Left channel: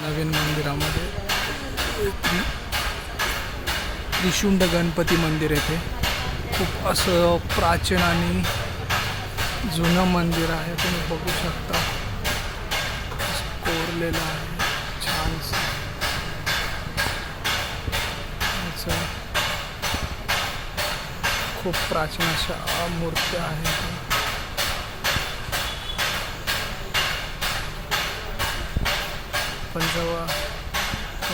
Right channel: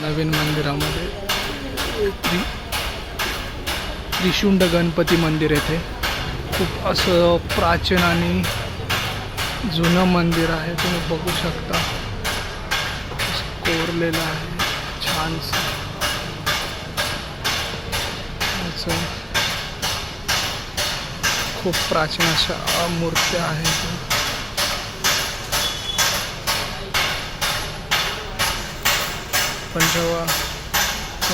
नवीन मंदिरामध्ये त्रिशुंड गणपती मंदिर येथे खूप असं प्राचीन आणि जुनं मंदिर आहे. तुम्ही बघू शकता कोरलेलं आहे छानसं. खूप प्राचीन अशा मूर्त्या आहेत. पण जेव्हा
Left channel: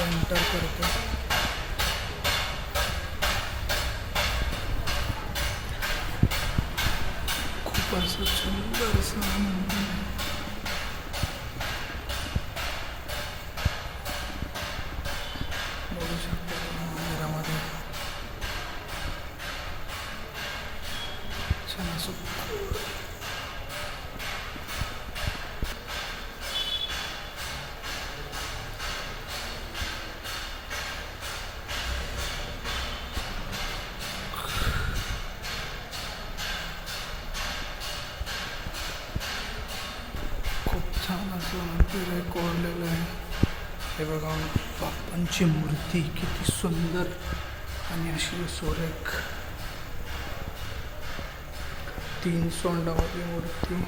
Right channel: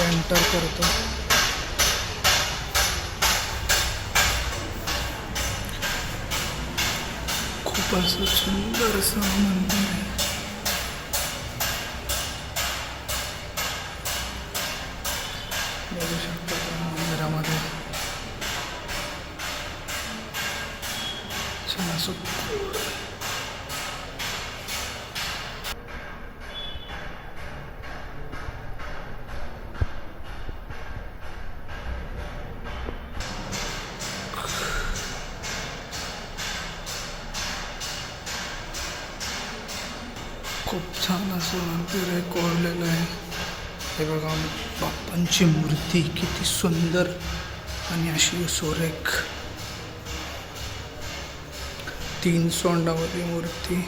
एंटर करतो खूप असं सुंदर असं मंदिर आहे. बघू शकता मंदिरामध्ये छान असं खूप छान असं मंदिर आहे, कोरलेलं आहे. हे बघा बाप्पांची मूर्ती किती सुंदर आणि अशी सुरेख 3 सोंडावली मूर्ती.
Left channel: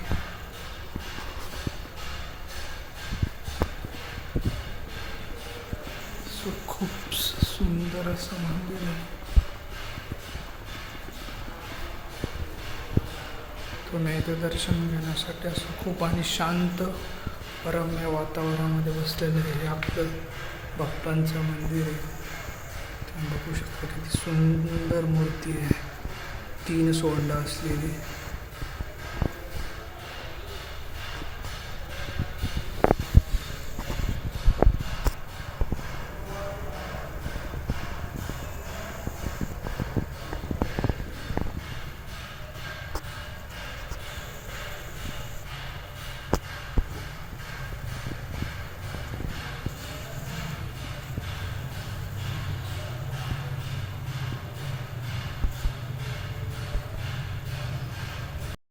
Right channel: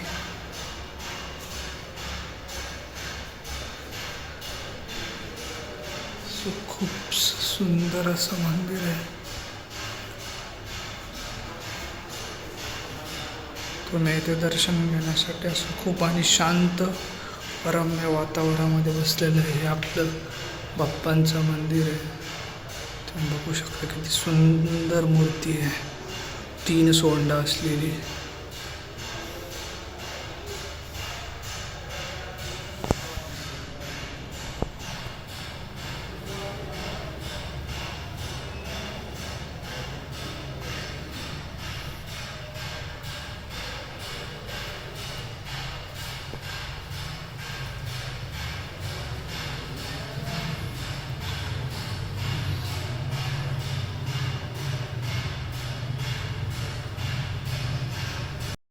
खूप सुंदर असं मंदिर आहे. तुम्ही इथे दर्शन घेण्यासाठी असं खूप आणि शांत रम्य वातावरणामध्ये बसलेलं आहे. हे आपलं बाप्पांचं मंदिर आहे. तुम्ही बघू शकता किती सुंदर मूर्ती आहे, 3 सोंडा असलेली.